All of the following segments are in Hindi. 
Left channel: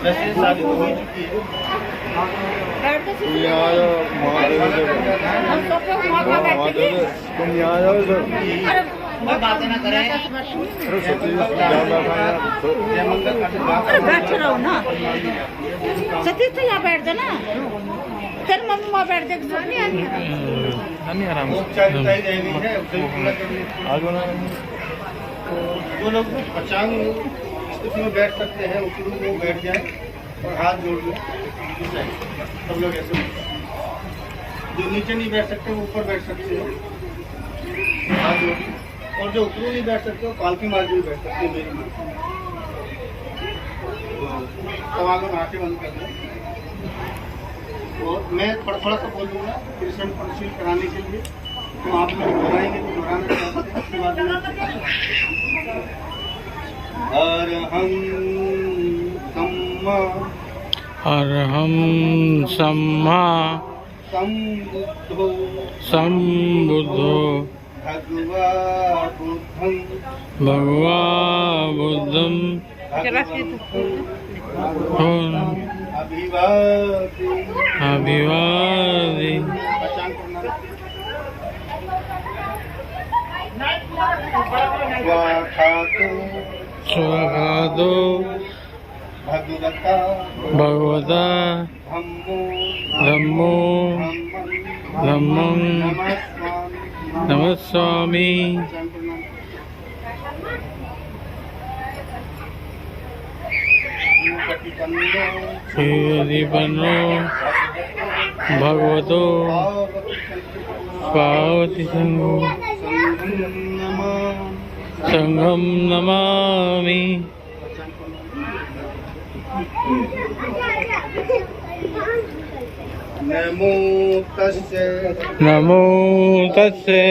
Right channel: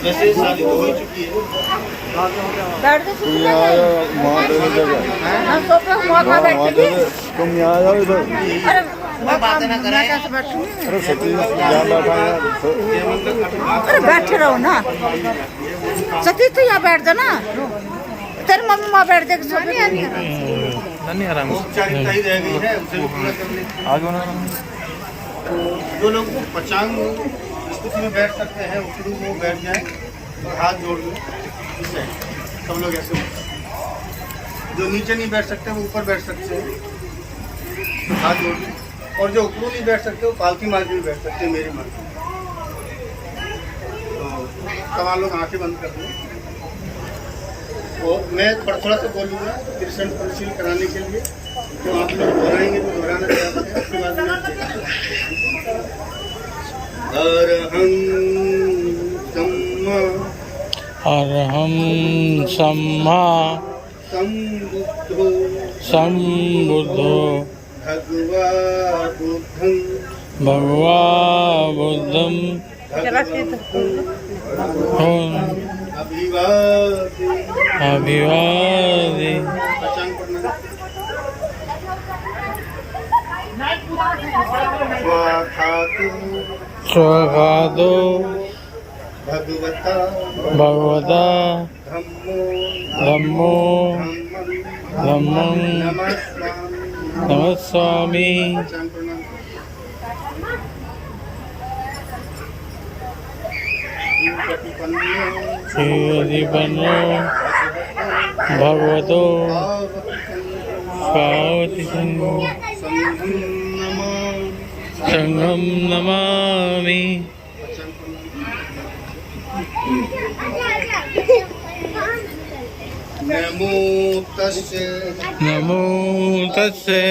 वैसे शादी तो हो चुकी है। बैठ तो सुन हम सोफे हुआ खा बैठेगी। अरे बातें ना करें। बैठे रहो ना सतीश तो यहाँ बैठ जा ना तेरी मम्मी वहाँ बैठ जाएगी सोफे पे। नहीं आराम औपचारिकताएं रह गई है उसे पूरा करने। आज बना जो लोग पचांग स्थिति में बैठ सकते हैं उकड़ू वो बैठ जाए और हाथ जोड़ लें। सब लोग ऐसे जो नीचे नहीं बैठ सकते वो ऊपर बैठ सकते हैं हाथ जोड़ लें। और जो उकड़ू नहीं बैठ सकते वो पालकी मार के भी बैठ सकते हैं मेरे मन। तो सवाल लोग आंखें बंद कर दें और मैं थोड़ा थोड़ा सा बोलूँगा कृष्ण परिशील कराने के लिए। तो आप लोग दोहराएंगे तो दोहराना चाहते हैं उसके बाद में अरहं सम्मा संबुद्धो भगवा बुद्धं अभिवादि स्वाखातो भगवता धम्मो धम्मं नमस्वामि। श्रीपन्नो भगवतो पावति संघं नमामि। नमो तस्से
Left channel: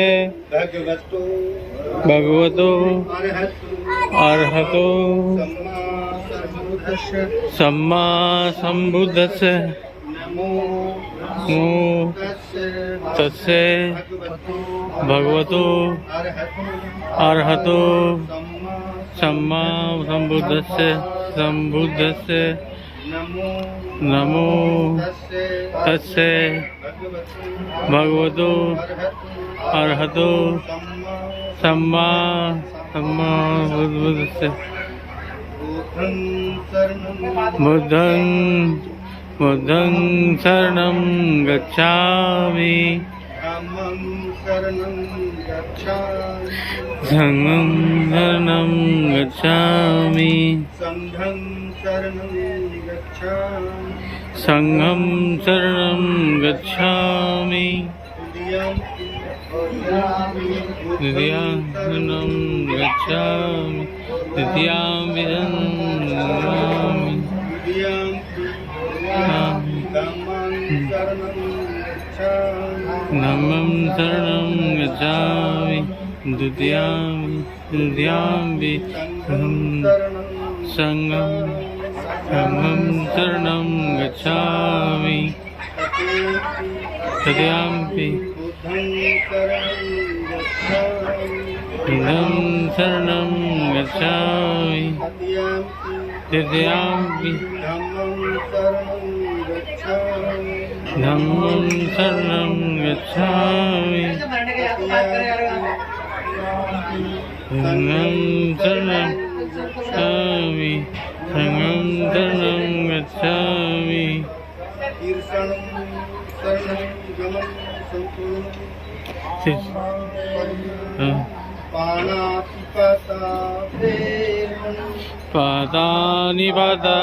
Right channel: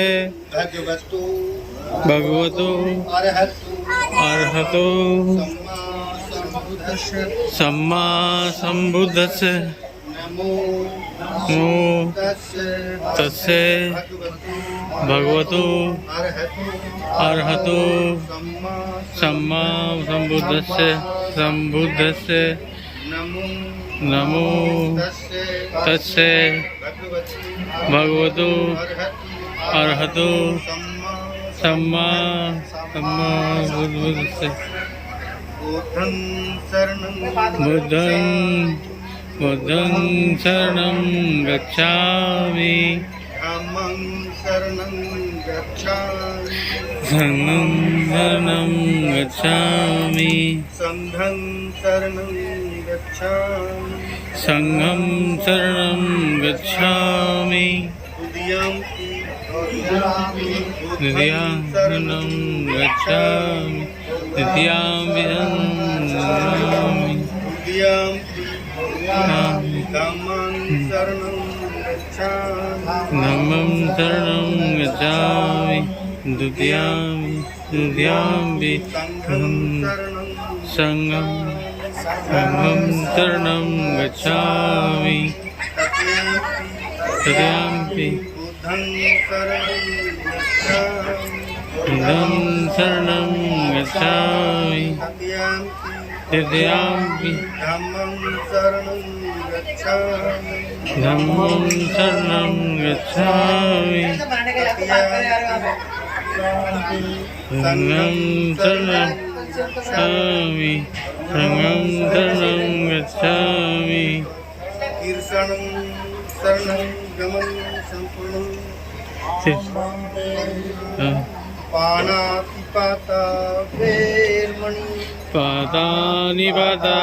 भगवतो अरहतो सम्मा संबुद्धस्य नमो तस्से भगवतो अरहतो सम्मा संबुद्धस्य नमो तस्से भगवतो अरहतो सम्मा संबुद्धस्य। बुद्धं शरणं गच्छामि संघं शरणं गच्छामि संघं शरणं गच्छामि द्वितीयं शरणं गच्छामि तृतीयं शरणं धम्मं शरणं गच्छामि द्वितीयं संघं शरणं गच्छामि तृतीयं बुद्धं शरणं गच्छामि तृतीयं धम्मं शरणं गच्छामि संघं शरणं गच्छामि संघं शरणं गच्छामि। पादानिपाता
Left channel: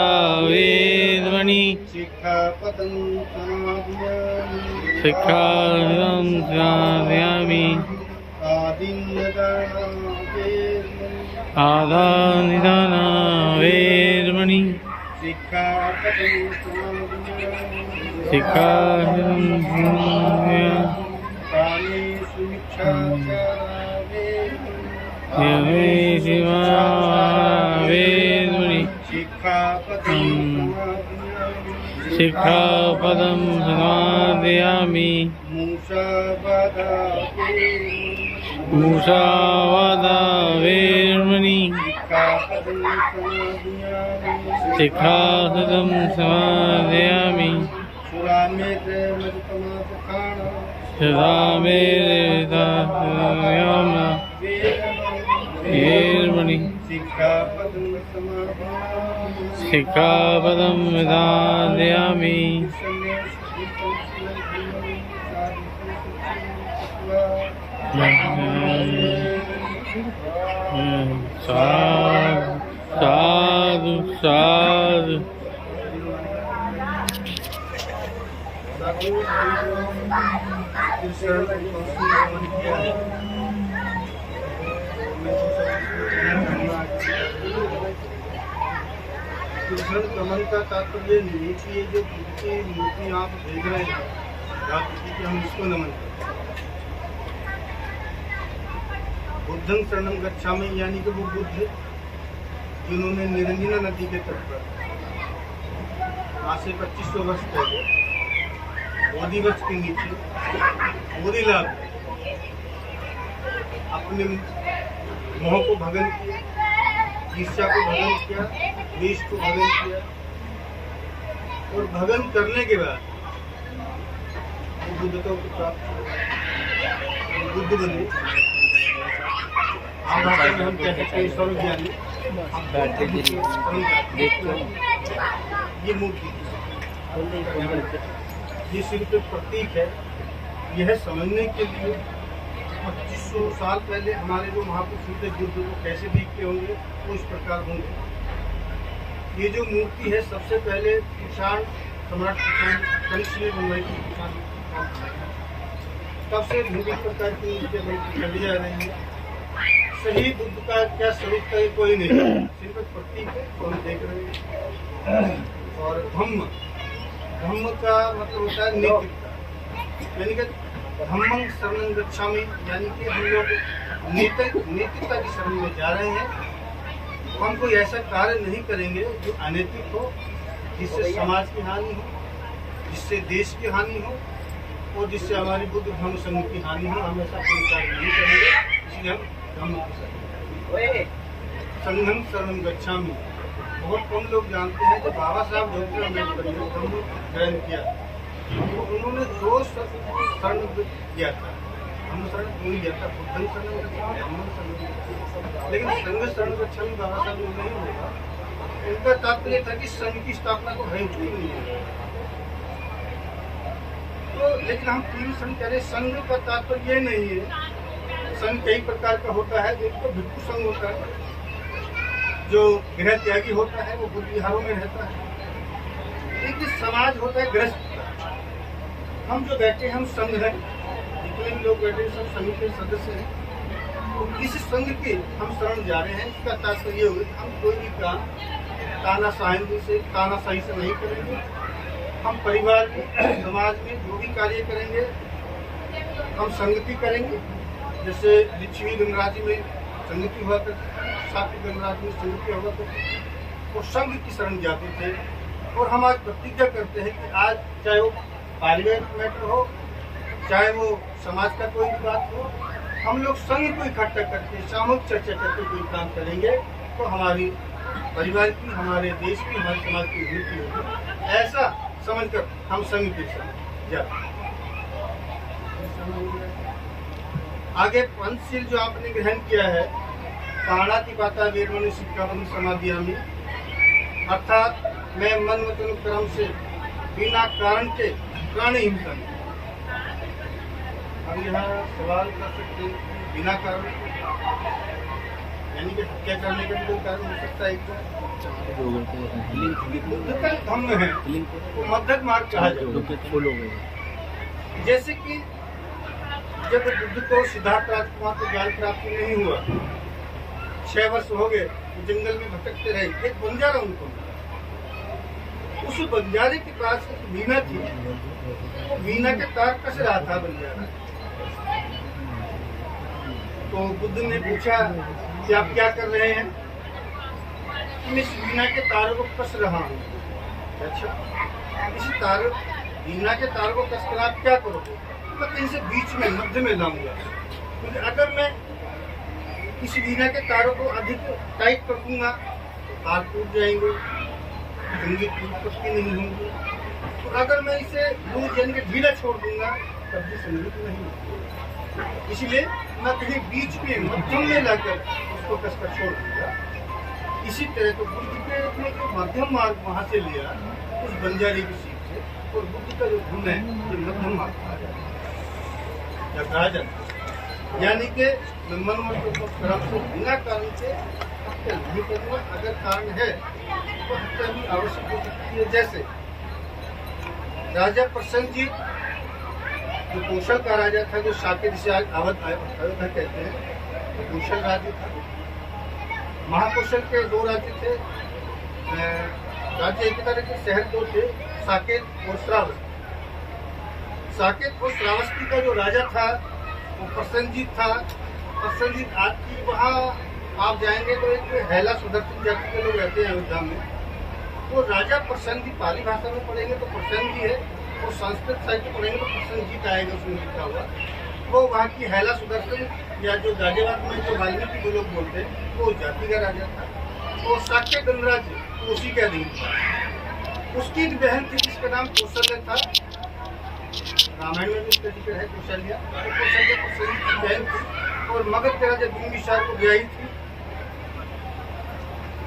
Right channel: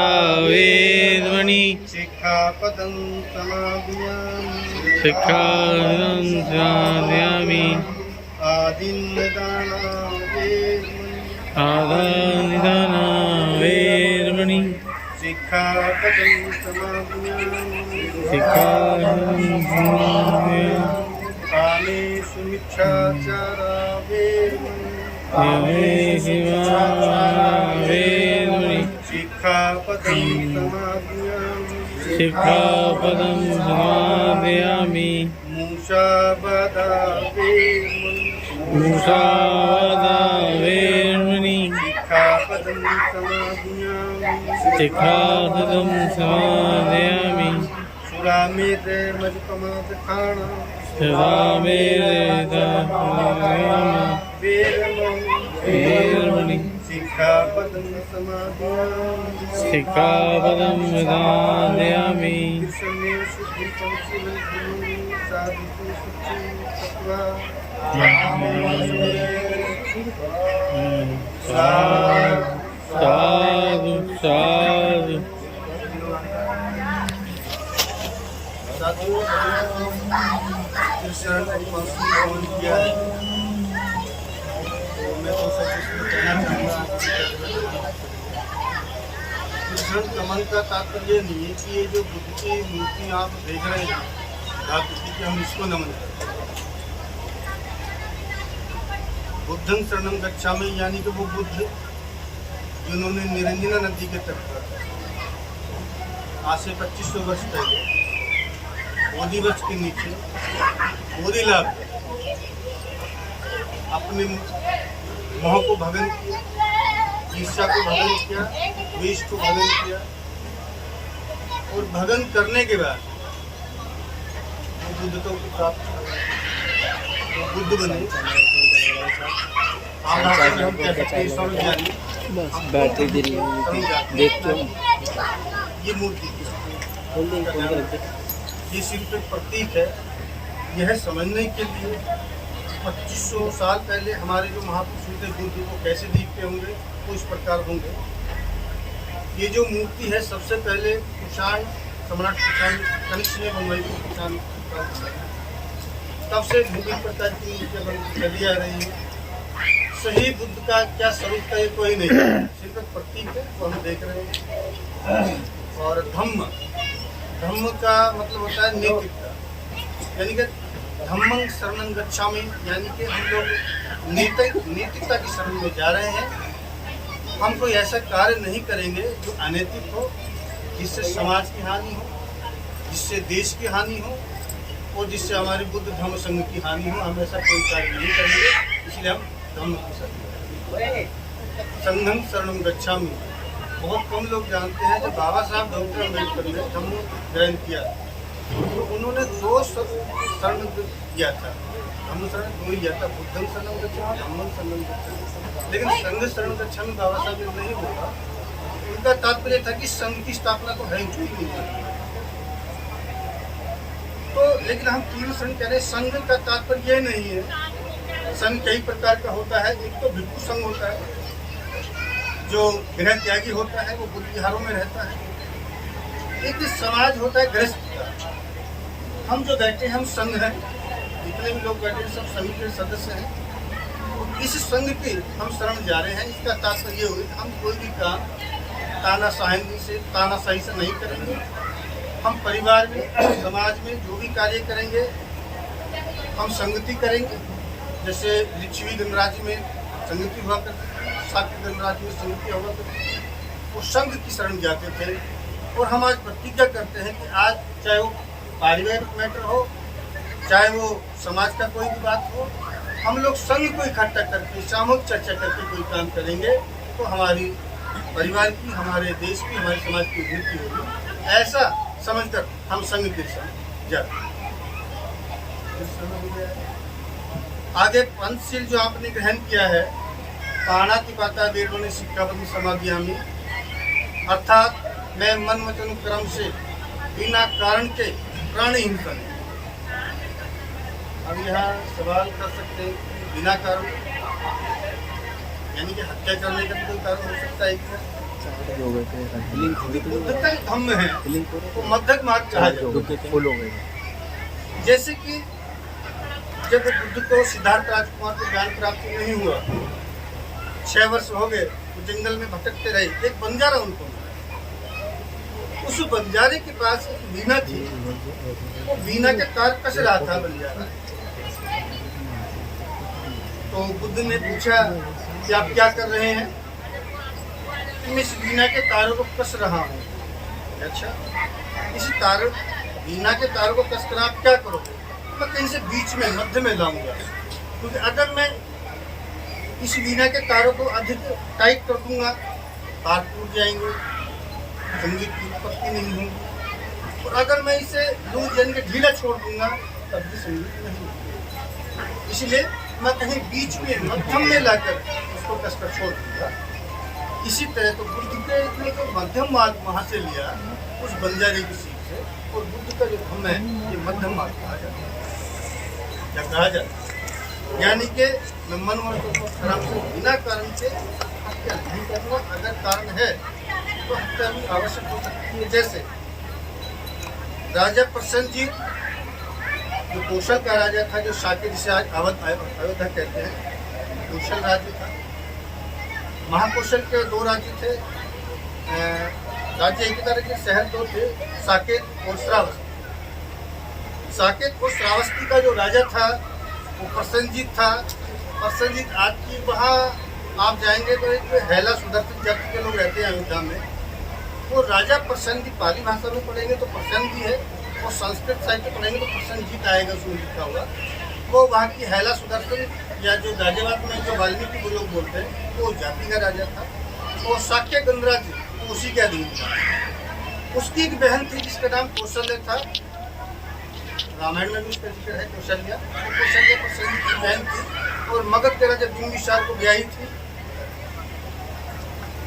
वेदमणि शिक्षापदं समादयामि आदानिदाना वेदमणि शिक्षापदं समादयामि कामेषु मिथ्याचारा वेदमणि शिक्षापदं समादयामि मुसावादा वेरमणि सिक्खापदं समादयामि सुरामेत मजपमात खाना वेरमणि सिक्खापदं समादयामि सिक्खापदं विधायामि साधु साधु कमल का तात्पर्य नहीं है कि ये जो बुद्ध की मूर्ति आप देख रहे हैं कि हम इसको नमन करते हैं। बुद्धं शरणं गच्छामि यानी कि वो बुद्ध जिन्होंने निरंजना नदी के तट पर आज से 2500 वर्ष पहले बोधि वृक्ष के नीचे बोधि लाभ अपने मोह को भगन किया, ईर्ष्या को भगन किया, द्वेष को भगन किया और भगन करने के बाद वो बुद्धत्व को प्राप्त बुद्ध बने। आम भाषा में हम कह सकते हैं सर्वज्ञानी। ये मूर्ति ये सिर्फ एक प्रतीक है। यह समझने के लिए 2500 साल पहले हमारे जो महापुरुष थे बुद्ध वो कैसे दिखते होंगे, वो इस प्रकार होंगे। ये जो मूर्ति है सबसे पहले कुषाण सम्राट कुषाण कनिष्क ने बनवाई थी। कुषाण तब से भिन्न प्रकार की मूर्तियाँ बनती चली आ रही है। सही बुद्ध का क्या स्वरूप है ये कोई नहीं, सिर्फ एक प्रतीक है वो हम देख रहे हैं। और धम्म का मतलब होता है नैतिकता, यानी कि धम्मं शरणं गच्छामि, यानी कि हम लोग नैतिकता की शरण में जा रहे हैं। हम कोई ऐसा कार्य नहीं करेंगे जो अनैतिक हो, जिससे समाज की हानि हो, जिससे देश की हानि हो और जिससे हमारे बुद्ध धर्म संघ की हानि हो। हम ऐसा कोई कार्य नहीं करेंगे, इसलिए हम धम्म की शरण संघं शरणं गच्छामि। बहुत कम लोग जानते हैं जब बाबा साहब डॉक्टर अम्बेडकर ने धम्म ग्रहण किया तो उन्होंने 2 शरण किया था। धम्म शरण 2 लिया था, बुद्धं शरणं गच्छामि, धम्मं शरणं गच्छामि। लेकिन संघ शरण गच्छामि बाबा साहब ने नहीं बोला। उनका तात्पर्य था कि संघ की स्थापना तो है ही नहीं है। तो लेकिन हम तीव्र शरण कह रहे, संघ का तात्पर्य ये नहीं है। संघ कई प्रकार का होता है। एक तो भिक्षु संघ होता है जो गृह त्यागी होता है, वो बुद्ध विहारों में रहता है। एक समाज होता है गृहस्थ का। हम जो बैठे हैं हम संघ हैं, जितने भी लोग बैठे हैं सब संघ के सदस्य हैं। तो इस संघ के हम शरण जा रहे हैं। इसका तात्पर्य ये हुआ कि हम कोई भी काम तानाशाही से नहीं करेंगे। हम परिवार में समाज में जो भी कार्य करेंगे हम संगति करेंगे। जैसे लिच्छवी गणराज्य में संगति हुआ करती, सात्विक गणराज्य में संगति हुआ करती, वो संघ की शरण जाते थे। और हम आज प्रतिज्ञा करते हैं कि आज चाहे वो पारिवारिक मैटर हो, चाहे वो समाज का कोई भी बात हो, हम लोग संघ को इकट्ठा करके सामूहिक चर्चा करके कोई काम करेंगे तो हमारी परिवार की, हमारे देश की, हमारे समाज की उन्नति होगी। ऐसा समझकर हम संघ के साथ जाते हैं। आगे पंचशील जो आपने ग्रहण किया है, पाणातिपाता वेरमणि सिक्खापदं समादयामि, अर्थात मैं मन वचन कर्म से बिना कारण के प्राणी हिंसा नहीं। हम यहाँ सवाल कर सकते हैं बिना कारण, यानी कि हत्या करने का भी कोई कारण हो सकता है क्या? बुद्ध का धम्म है तो मध्यक मार्ग कहा जाता है। जैसे कि जब बुद्ध को सिद्धार्थ राजकुमार को ज्ञान प्राप्ति नहीं हुआ, 6 वर्ष हो गए, वो जंगल में भटकते रहे। एक बंजारा उनको मिला। उस बंजारे के पास एक वीणा थी, वो वीणा के तार कस रहा था बंजारा। तो बुद्ध ने पूछा कि आप क्या कर रहे हैं? मैं इस वीणा के तारों को कस रहा हूँ। अच्छा, इस वीणा के तारों को कस कर आप क्या करोगे? मैं कहीं से बीच में मध्य में लाऊंगा, क्योंकि अगर मैं इस वीणा के तारों को अधिक टाइट कर दूंगा, तार टूट जाएंगे, संगीत की उत्पत्ति नहीं होगी। और अगर मैं इसे लूज यानी कि ढीला छोड़ दूंगा तब भी संगीत नहीं होगी। इसलिए मैं कहीं बीच में मध्यम में लाकर उसको कसकर छोड़ दूंगा। इसी तरह तो बुद्ध के ने जो मध्यम मार्ग वहाँ से लिया उस बंजारे की सीख से, और बुद्ध का जो धम्म है ये मध्यम मार्ग कहा जाता है या कहा जाता है। यानी कि मैं मन को धर्म से बिना कारण के हत्या नहीं करना, अगर कारण है तो हत्या भी आवश्यक हो सकती है। जैसे राजा प्रसन्नजीत जो कौशल का राजा था, जो साकेत जिसे आज अयोध्या कहते हैं, कौशल राज्य था। महाकौशल के दो राज्य थे, राज्य एक तरह के शहर दो थे, साकेत और श्रावस्ती। साकेत और श्रावस्ती का जो राजा था वो प्रसन्नजीत था। प्रसन्नजीत आज की वहाँ आप जाएंगे तो एक हैला सुदर्शन जाति के लोग रहते हैं अयोध्या में। वो राजा प्रसन्नजीत पाली भाषा में पढ़ेंगे तो प्रसन्न जी है, और संस्कृत साहित्य पढ़ेंगे तो प्रसन्नजीत आएगा उसमें लिखा हुआ। वो वहाँ की हैला सुदर्शन या जो गाजियाबाद में जो वाल्मीकि को लोग बोलते हैं वो जाति का राजा था। वो शाक्य गणराज्य उसी के अधीन था। उसकी एक बहन थी जिसका नाम कौशल्य था, रामायण में भी उसका जिक्र है कौशल्या। तो कौशल्या प्रसन्नजीत की बहन थी और मगध के राजा बिंबिसार को ब्याही थी।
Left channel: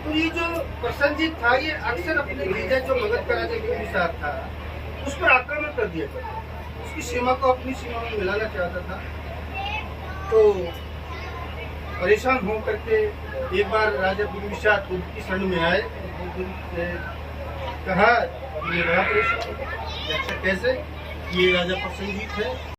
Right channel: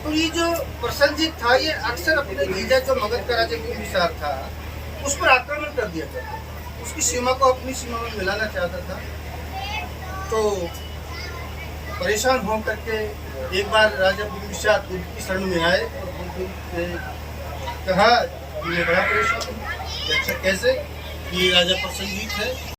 तो ये जो प्रसन्नजीत था ये अक्सर अपने जीजा जो मगध का राजा बिंबिसार था उस पर आक्रमण कर दिया करता था, उसकी सीमा को अपनी सीमा में मिलाना चाहता था। तो परेशान हो करके एक बार राजा बिंबिसार बुद्ध की शरण में आए और बुद्ध से कहा मैं बड़ा परेशान हूँ। अच्छा कैसे? ये राजा प्रसन्नजीत है,